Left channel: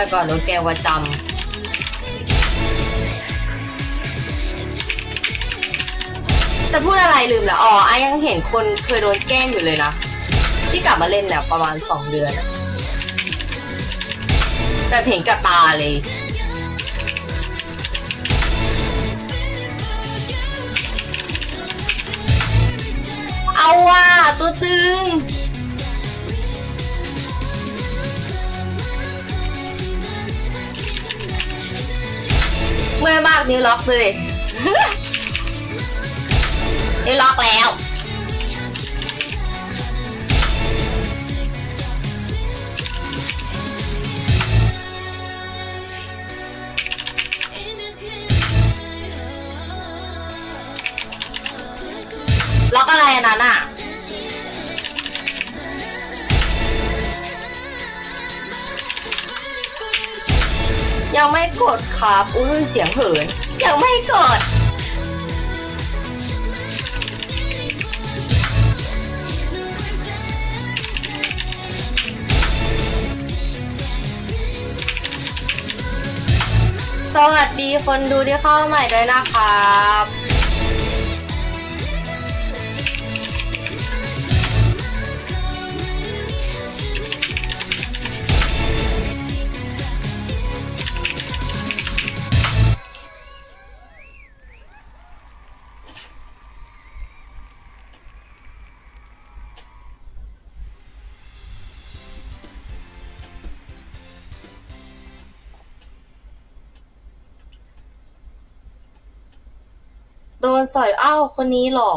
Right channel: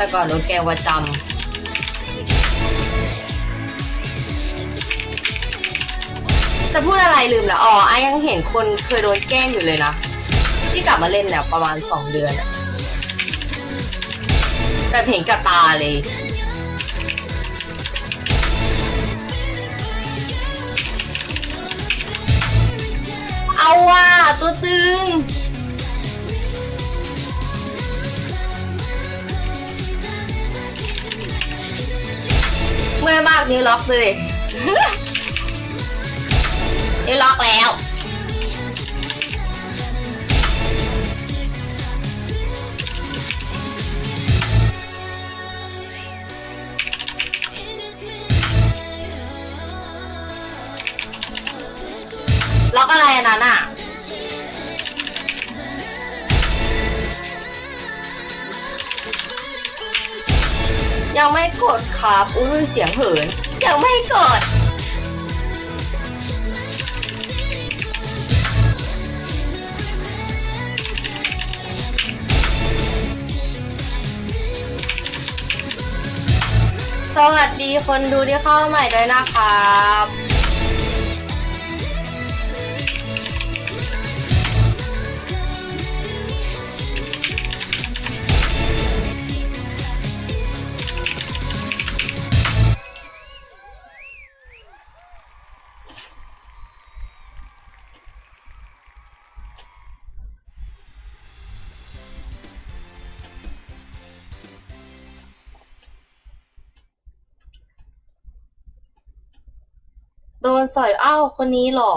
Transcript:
แต่ก่อนโดนแกว่าจำจะพูดอะไรลืมแล้วอ๋อไอยังเห็นคนเคยโดนแกล้งอยู่เลยนะ ที่กลับมาเล่นเนี่ยประมาณสองเดือนแบบเห็นกับตาเลย เอาว่ะตัวตึ อล็อกเลยนิ้วล็อกแล้วล็อกอะไรอันนั้นอะ ยังไม่กดครับอุ้ยเสียงเหินยังไม่กด สวัสดีคนดูที่เข้าใหม่ด้วยนะครับ นสอยอ้าวคนนี้หรอ